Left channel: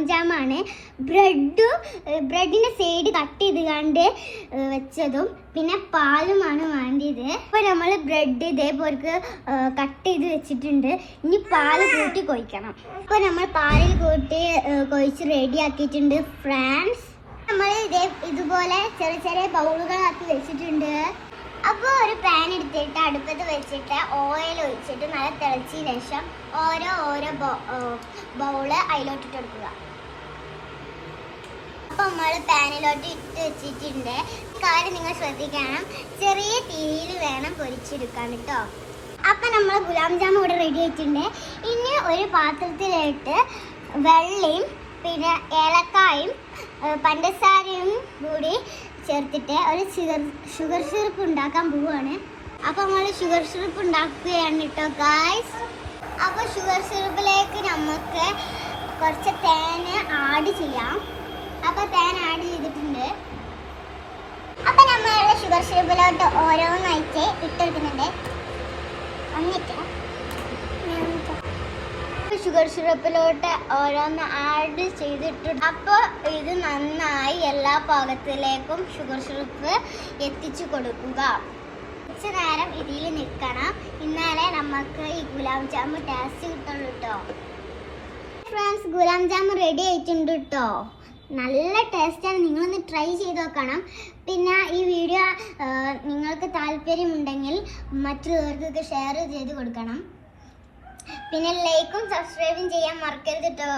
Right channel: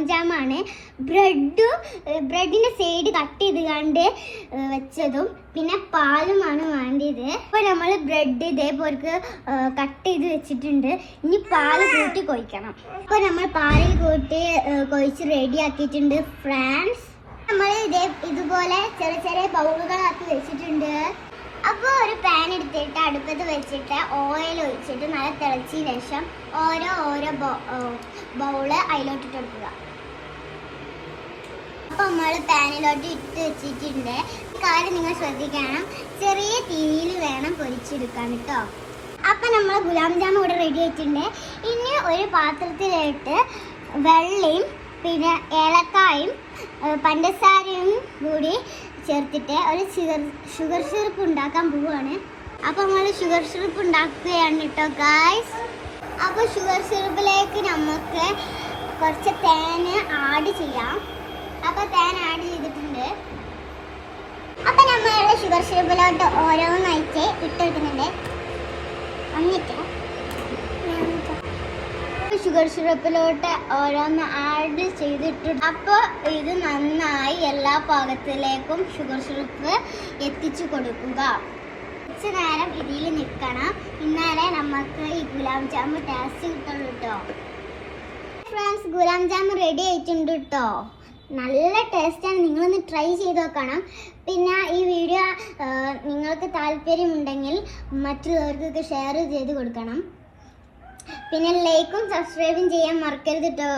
Gulab ജാമാണ്. ബ്രെഡിന്റെ side cut ചെയ്ത് വെച്ചതും പിന്നെ പാലുമാണ് വേണ്ടത്. അപ്പൊ നമ്മൾ ബ്രെഡ് ഇതേപോലെ കട്ട് ചെയ്ത് വെച്ചിട്ടുണ്ട്. ഇനി പാല് കൂട്ടി കൊഴിക്കണം. അപ്പൊ നമ്മൾ പാലിൽ കൂട്ടി കൊഴിച്ച് റെഡി ആക്കിയിട്ടുണ്ട് ഫ്രണ്ട്സ്. നമ്മൾ ഇതുപോലെ ചെറിയ ചെറിയ ബൗളുകളാക്കി വെച്ചിട്ടുണ്ട്. അപ്പോൾ ഒരു പാൻ എടുത്തിട്ട് അടുപ്പത്ത് വെച്ചിട്ട് ഓയിൽ ഒഴിച്ചിട്ട് നല്ല തിളച്ചതിന് ശേഷം ഓരോ ബൗള് അതിലേക്ക് കൊടുക്കുക. അപ്പോൾ നമ്മൾ പാനിലോട്ട് ഇട്ട് വെച്ചിട്ടുണ്ട്. കാര്യം നിങ്ങൾ ശ്രദ്ധിക്കണം, ചെറിയ തീയിൽ വേണം പൊരിച്ചെടുക്കാൻ കേട്ടോ. അപ്പൊ നമ്മൾ ഗുലാബ് ജാമുൻ ഇവിടെ റെഡി ആയിട്ടുണ്ട്. ഇനി ഒരു പാത്രത്തിലായിട്ട് വെള്ളയും പിന്നെ ഏലക്കായും പഞ്ചസാരയും കൂടി ചേർത്തിട്ട് ഒരു ഷുഗർ സിറപ്പ് ഉണ്ടാക്കാൻ പോവുകയാണ്. അപ്പൊ നമ്മൾ ഷുഗർ സിറപ്പ് ഉണ്ടാക്കുകയാണ് കേട്ടോ ഗായ്സ്. അപ്പൊ ഷുഗർ സിറപ്പിലേക്ക് നമുക്ക് കുറച്ച് തേങ്ങ ആഡ് ചെയ്യാം. അപ്പൊ തേങ്ങ ആഡ് ചെയ്തിട്ടുണ്ട്. അപ്പൊ നമ്മൾ ഷുഗർ സിറപ്പിലോട്ട് ഓരോന്നായിട്ട് ഇട്ടെടുക്കുന്നുണ്ട്. എന്നിട്ട് ഷുഗർ സിറപ്പിലോട്ട് ഓരോന്ന് ആഡ് ചെയ്തിട്ട് അപ്പോൾ ഇത് നന്നായി എല്ലാ പാകത്തിലേക്കും ഷുഗർ സിറപ്പ് എത്തിച്ചു കൊടുക്കുക. കുറച്ച് നേരം ഇതിൽ നിൽക്കണം, എന്നാലേ നമുക്ക് ഈ ഗുലാബ് ജാമുൻ ടേസ്റ്റ് കിട്ടുള്ളൂ കേട്ടോ. ഫ്രണ്ട്സ്, ഗുലാബ് ജാമുൻ റെഡി ആയിട്ടുണ്ട് കേട്ടോ. നല്ല ടേസ്റ്റാണ്, നിങ്ങളൊന്ന് ട്രൈ ചെയ്ത് നോക്കണം. പിന്നെ ഈ വീഡിയോ നിങ്ങൾക്ക് താല്പര്യമുണ്ടെങ്കിൽ മറ്റുള്ളവർക്ക് ഇത് ഷെയർ ചെയ്ത് കൊടുക്കണം. പിന്നെ ലൈക്കും സബ്സ്ക്രൈബും ചെയ്യാൻ മറക്കരുത് കേട്ടോ.